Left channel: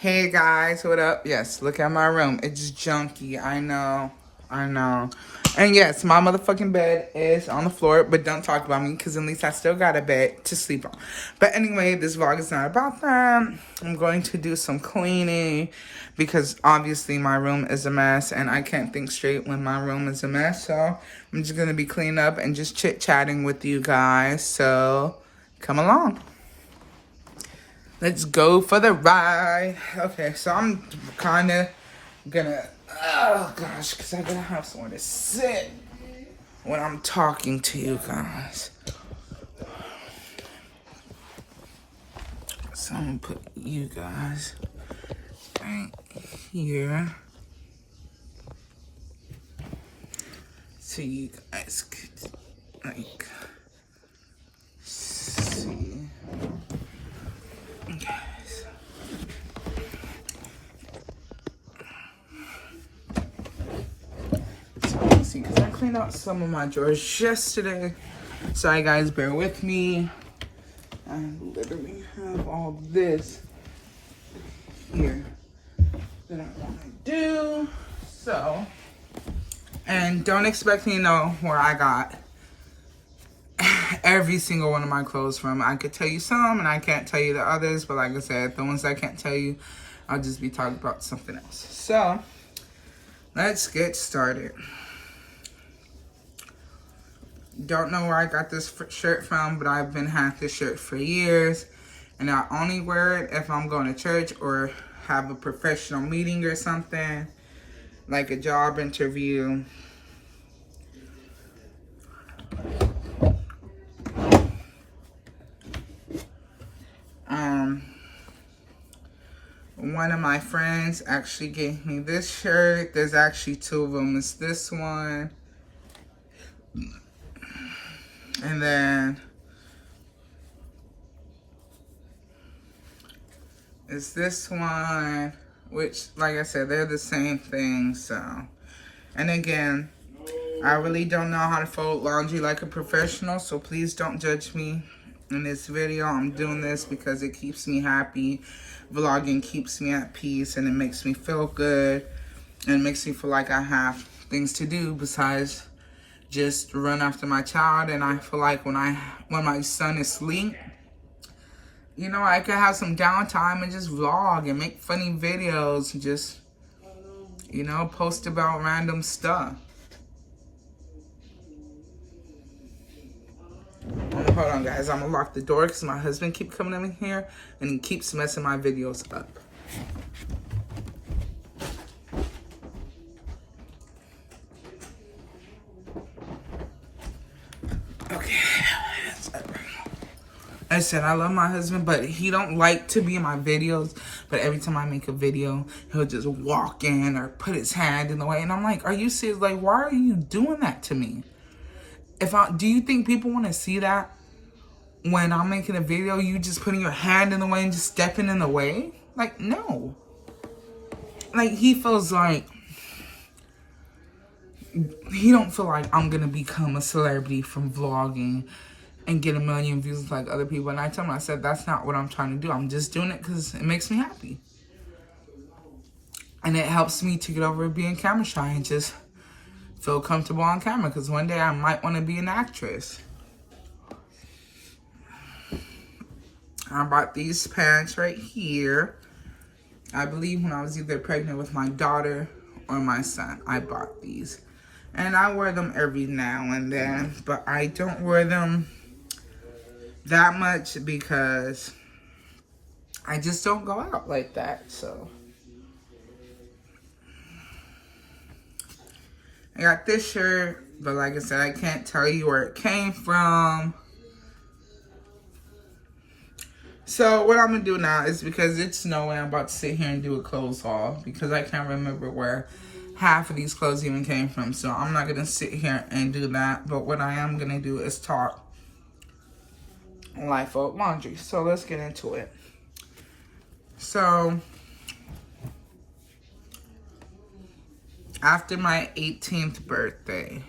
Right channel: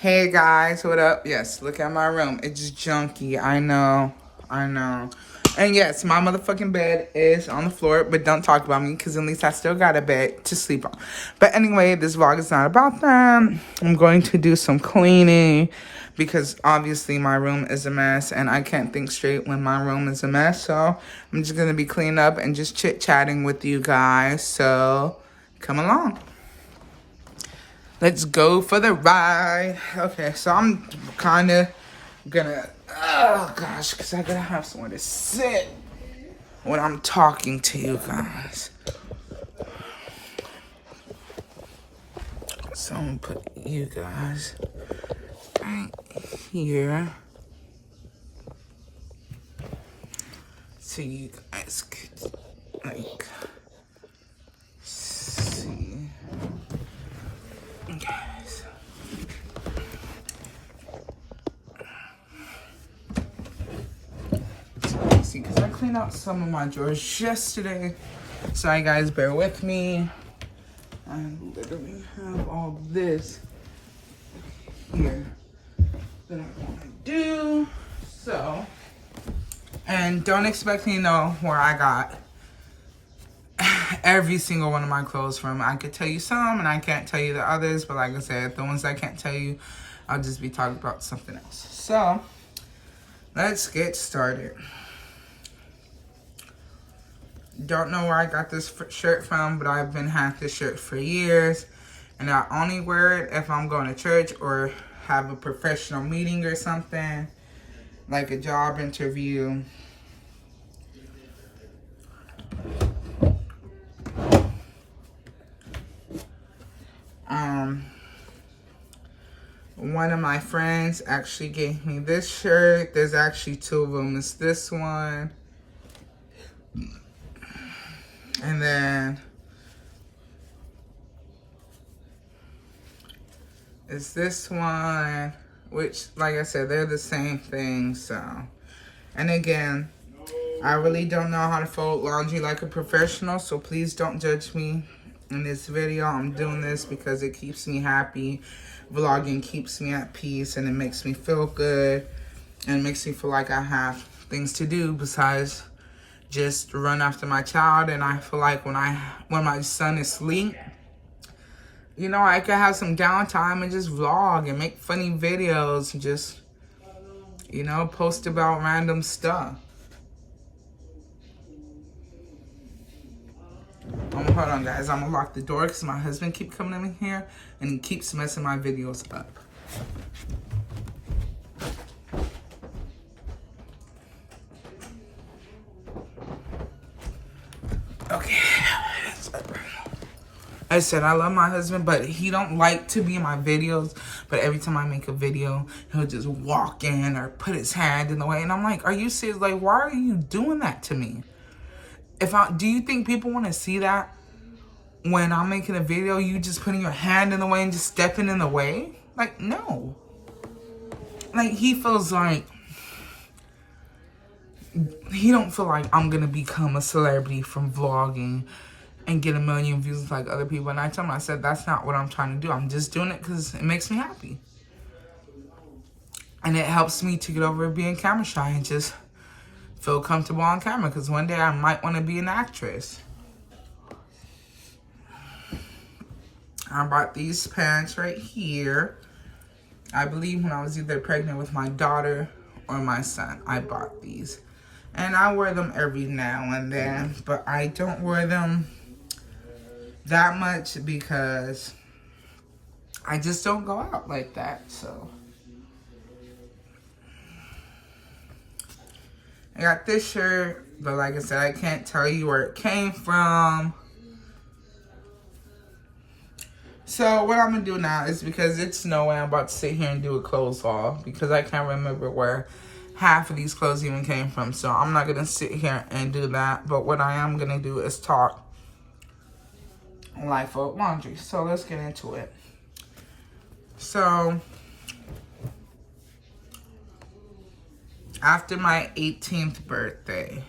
Hey guys, what up? Yes, look at my room. It's junky. I know. And yes, my motherfucking bed is on the floor, but don't talk about me because at least I still got a bed to sleep on. But anyway, this vlog is not about that. I'm going to do some cleaning because obviously my room is a mess and I can't think straight when my room is a mess. So I'm just going to be cleaning up and just chit-chatting with you guys. So come along. Let's go for the ride. Okay, so I'm kind of gonna, oh gosh, because I gotta have somewhere to sit when I'm talking to you guys. So I'm gonna put you guys right here so you guys could, like, see. Okay. See, because I cleaned out some of my drawers yesterday. Sorry guys, bear with me. I literally have all this here that I want to do. So, and don't expect me to know where I got every single one of my clothes from. I could tell you some and I can't tell you the others, but like I said, the ones I can't tell you, I'll just be talking about something else. So, let's get started. Don't know where I got this shirt from, but I've been had this shirt for years. And I only wear it if I'm going to church or have a professional meeting or something, like a job interview. One of my friends actually gave me this shirt. There's actually two of them. It's this one. And then it's this one, which, like I said, they're the same thing, so. And again, I really don't know how to fold laundry like a professional, so please don't judge me in this video. I'm doing this because it keeps me happy. Vlogging keeps me at peace, and it makes me feel good, and it makes me feel like I have things to do besides just run after my child. And I feel like when my son is asleep, you know, I could have some downtime and just vlog and make funny videos and just, you know, post about random stuff. Hold on, guys. I'm gonna lock the door because my husband keeps coming in here and he keeps messing my videos up. Okay. I said I love my husband, but he don't like to be in my videos. But every time I make a video, he'll just walk in or put his hand in the way. And I'm like, are you serious? Like, why are you doing that to me? Do you think people want to see that? When I'm making a video, you just putting your hand in the way and just stepping in the way? Like, no. Like, he feels like, he don't feel like I'm going to become a celebrity from vlogging and get 1 million views like other people. And I told him, I said, that's not what I'm trying to do. I'm just doing it because it makes me happy. And it helps me to get over being camera shy and just feel comfortable on camera. Because one day I might want to be an actress. I bought these pants right here. I believe when I was either pregnant with my daughter or my son, I bought these. And I wear them every now and then, but I don't wear them that much because I just don't go out like that, so. I got this shirt, but like I said, I can't tell you where it came from. So what I'm going to do now is, because it's no way I'm about to sit here and do a clothes haul because I can't remember where half of these clothes even came from. So I'm not going to sit here and do that. But what I am going to do is talk life of laundry. So let's get into it. So after my 18th birthday,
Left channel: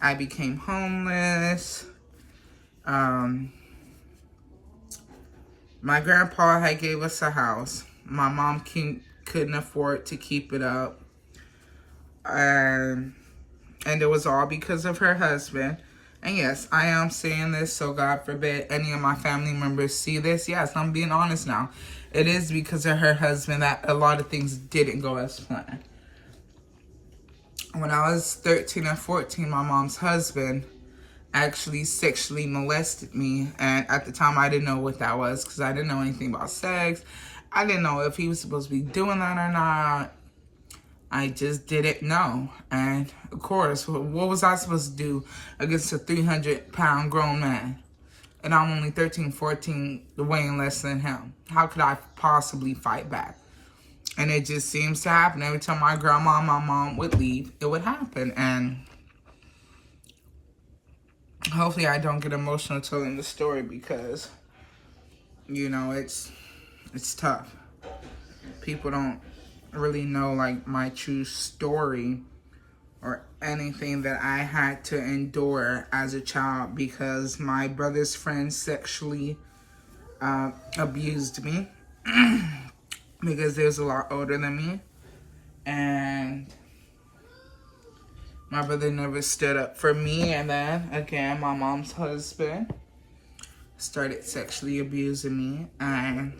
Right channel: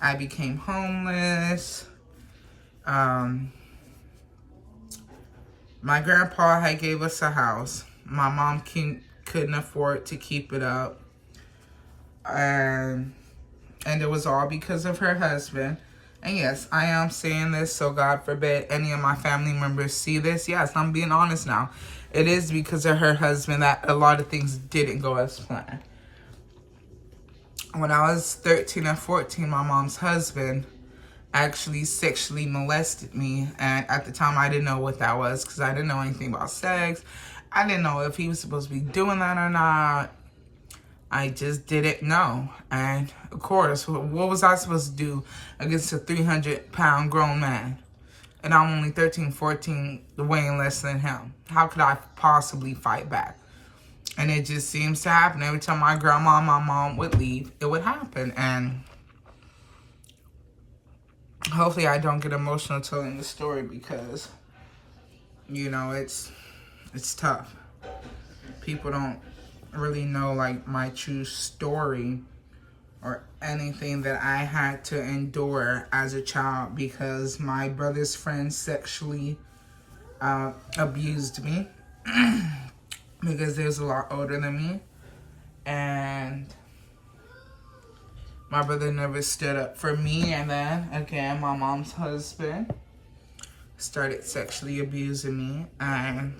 I became homeless. My grandpa had gave us a house. My mom couldn't afford to keep it up. And it was all because of her husband. And yes, I am saying this, so God forbid any of my family members see this. Yes, I'm being honest now. It is because of her husband that a lot of things didn't go as planned. When I was 13 and 14, my mom's husband actually sexually molested me. And at the time, I didn't know what that was because I didn't know anything about sex. I didn't know if he was supposed to be doing that or not. I just didn't know. And of course, what was I supposed to do against a 300-pound grown man? And I'm only 13, 14, weighing less than him. How could I possibly fight back? And it just seems to happen. Every time my grandma and my mom would leave, it would happen. And hopefully I don't get emotional telling the story because, you know, it's tough. People don't really know, like, my true story or anything that I had to endure as a child because my brother's friend sexually abused me because they was a lot older than me, and my brother never stood up for me. And then again, my mom's husband started sexually abusing me, and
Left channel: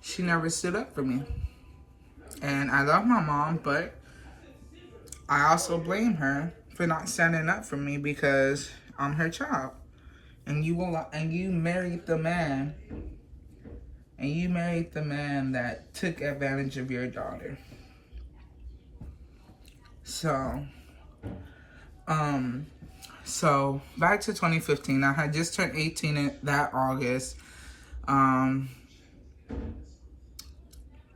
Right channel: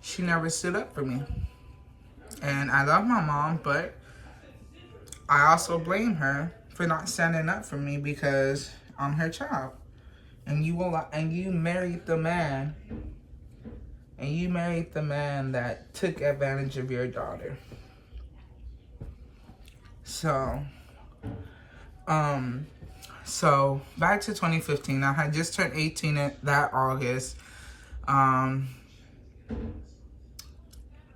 she never stood up for me. And I love my mom, but I also blame her for not standing up for me because I'm her child. And you married the man. And you married the man that took advantage of your daughter. So back to 2015. I had just turned 18 that August.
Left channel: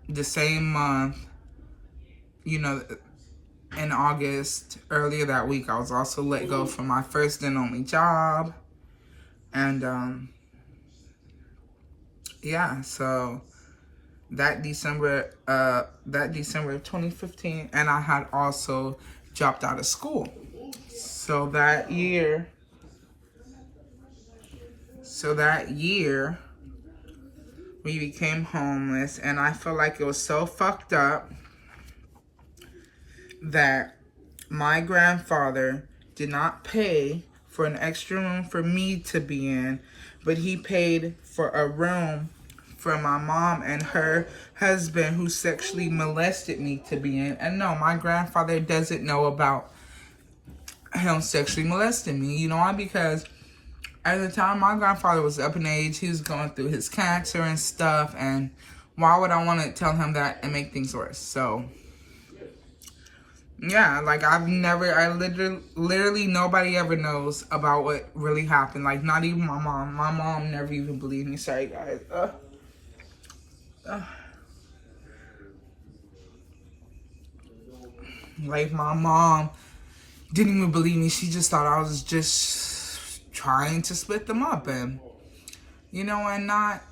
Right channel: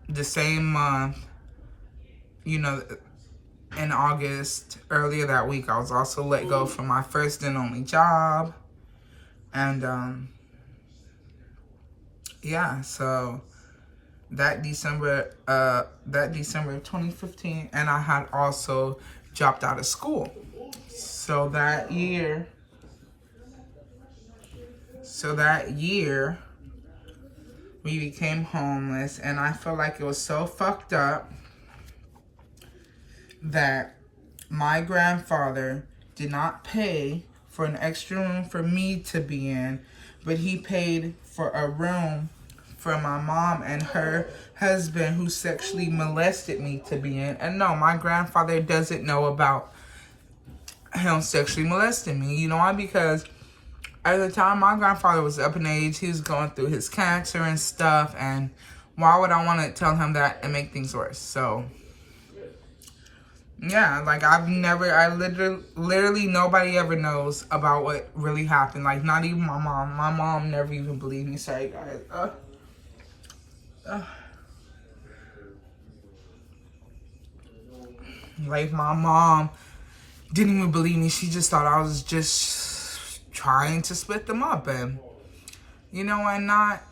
The same month, you know, in August, earlier that week, I was also let go from my first and only job. And, yeah, so that December of 2015, and I had also dropped out of school. So that year, we became homeless, and I feel like it was so fucked up that my grandfather did not pay for an extra room for me to be in, but he paid for a room for my mom and her husband who sexually molested me to be in. And no, my grandfather doesn't know about him sexually molesting me. You know why? Because at the time, my grandfather was up in age. He was going through his cancer and stuff. And why would I want to tell him that and make things worse? So, yeah, like literally nobody ever knows about what really happened. Like, not even my mom. My mom never even believed me. Sorry, guys. Like, my mom didn't even believe me. She just thought I was just trying to split them up and, and not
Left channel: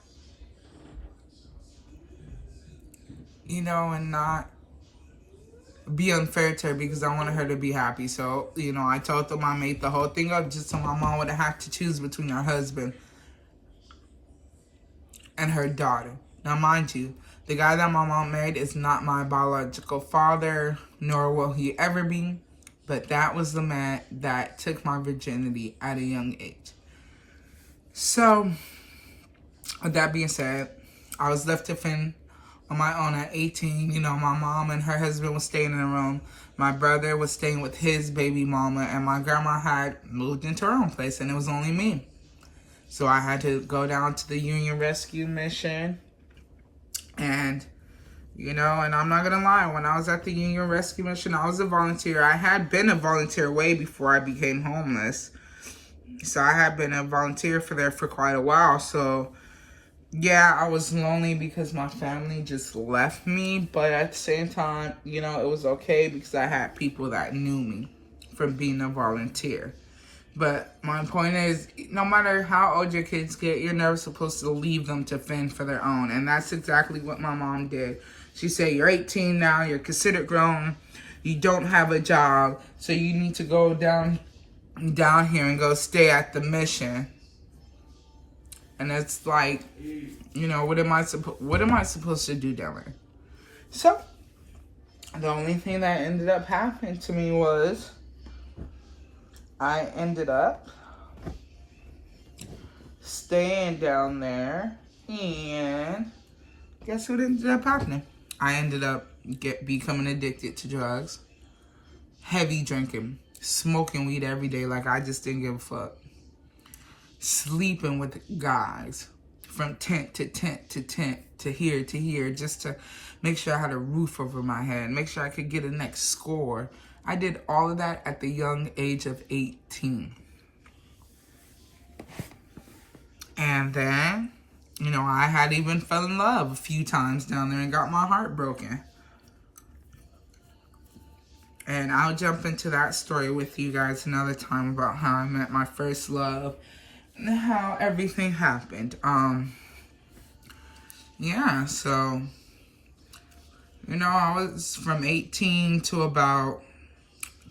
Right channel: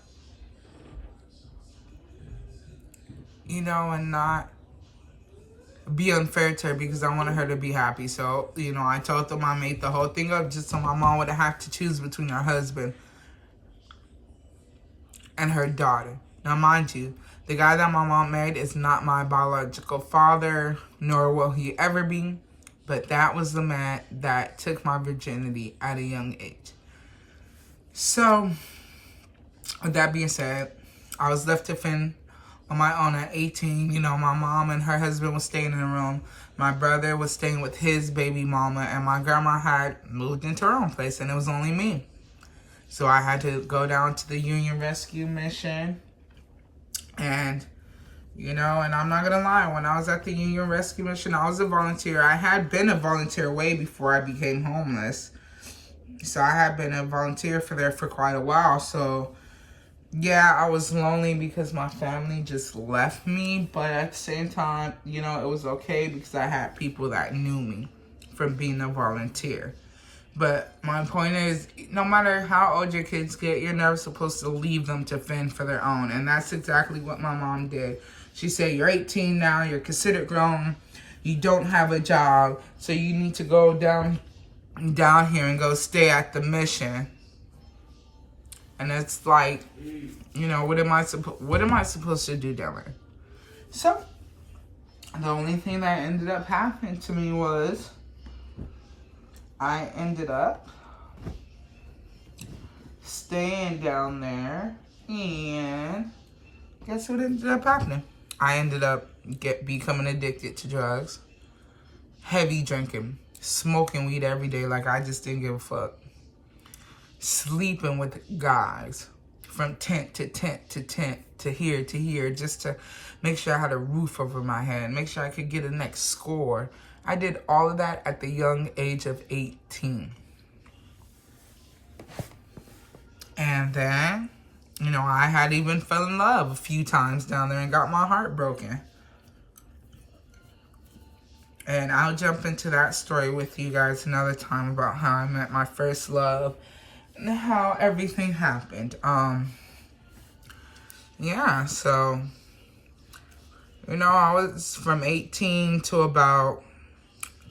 be unfair to her because I wanted her to be happy. So, I told them I made the whole thing up just so my mom would have to choose between her husband and her daughter. Now, mind you, the guy that my mom married is not my biological father, nor will he ever be. But that was the man that took my virginity at a young age. So, with that being said, I was left to fend on my own at 18. My mom and her husband was staying in the room. My brother was staying with his baby mama. And my grandma had moved into her own place. And it was only me. So I had to go down to the Union Rescue Mission. And, and I'm not going to lie. When I was at the Union Rescue Mission, I was a volunteer. I had been a volunteer way before I became homeless. So I had been a volunteer there for quite a while. So, yeah, I was lonely because my family just left me. But at the same time, it was okay because I had people that knew me from being a volunteer. But my point is, no matter how old your kids get, you're never supposed to leave them to fend for their own. And that's exactly what my mom did. She said, you're 18 now, you're considered grown, you don't have a job, so you need to go down here and go stay at the mission And it's like, you know, what am I supposed to do down there? So, the only thing that ended up happening to me was I ended up staying down there, and guess what ended up happening? I ended up becoming addicted to drugs, heavy drinking, smoking weed every day like I just didn't give a fuck, sleeping with guys from tent to tent to tent to here just to make sure I had a roof over my head, make sure I could get a next score. I did all of that at the young age of 18. And then, you know, I had even fell in love a few times down there and got my heart broken. And I'll jump into that story with you guys another time about how I met my first love and how everything happened. Yeah, so, you know, I was from 18 to about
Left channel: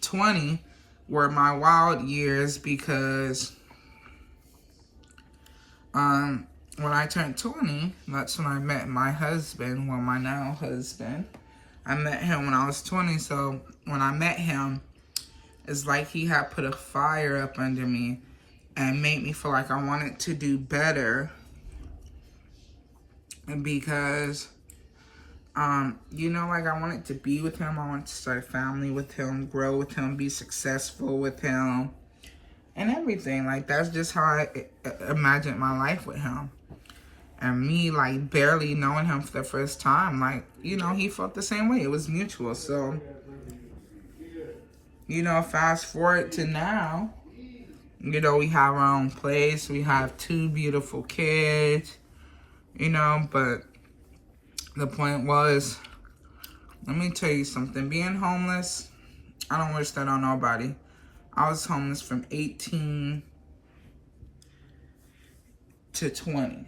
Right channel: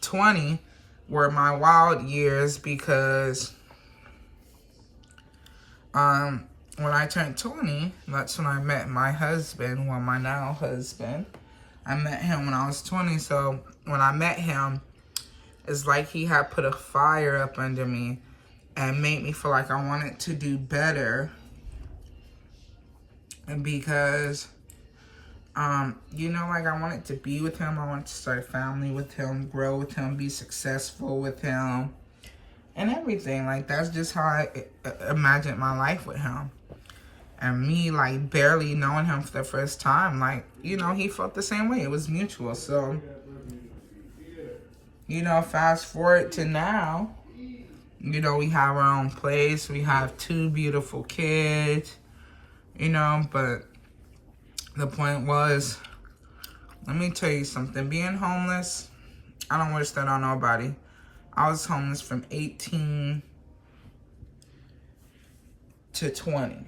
20 were my wild years, because when I turned 20, that's when I met my husband, well, my now husband. I met him when I was 20, so when I met him, it's like he had put a fire up under me and made me feel like I wanted to do better. And because, you know, like I wanted to be with him, I wanted to start a family with him, grow with him, be successful with him, and everything. Like, that's just how I imagined my life with him. And me, like, barely knowing him for the first time, like, you know, he felt the same way. It was mutual. So, you know, fast forward to now, you know, we have our own place. We have 2 beautiful kids, you know, but the point was, let me tell you something. Being homeless, I don't wish that on nobody. I was homeless from 18 to 20.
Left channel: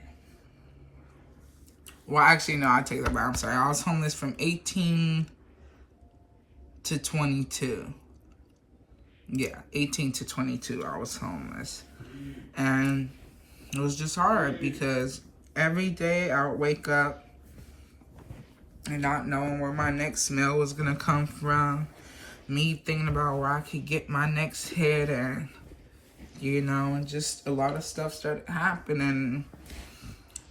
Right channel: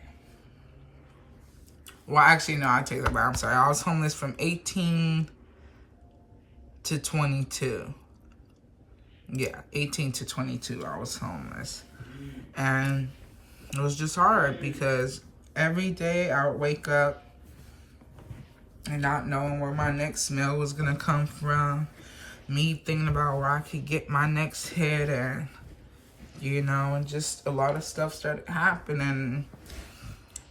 Well, actually, no, I take that back. I'm sorry. I was homeless from 18 to 22. Yeah, 18 to 22, I was homeless. And it was just hard because every day I would wake up and not knowing where my next meal was going to come from. Me thinking about where I could get my next hit, and, you know, and just a lot of stuff started happening.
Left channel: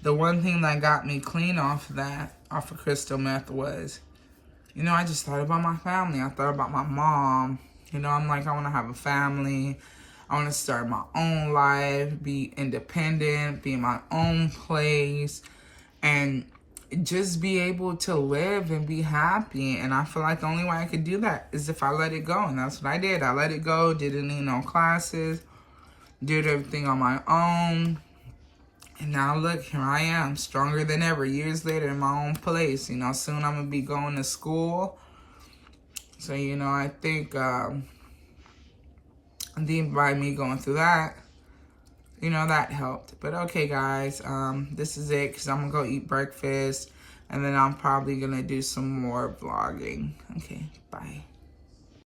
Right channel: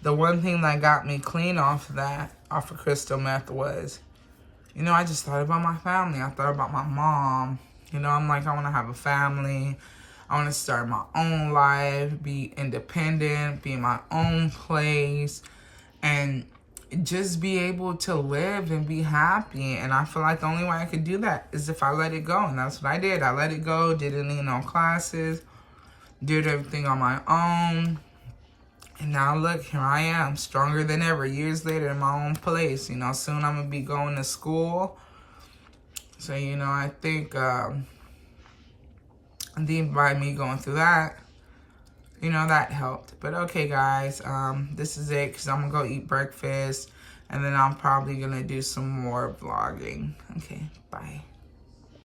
The one thing that got me clean off of crystal meth was, you know, I just thought about my family. I thought about my mom. You know, I'm like, I want to have a family. I want to start my own life, be independent, be in my own place, and just be able to live and be happy. And I feel like the only way I could do that is if I let it go. And that's what I did. I let it go, didn't need no classes, did everything on my own. And now look, here I am, stronger than ever, years later in my own place. You know, soon I'm going to be going to school. So, you know, I think by me going through that, you know, that helped. But okay, guys, this is it, because I'm going to go eat breakfast. And then I'm probably going to do some more vlogging. Okay, bye.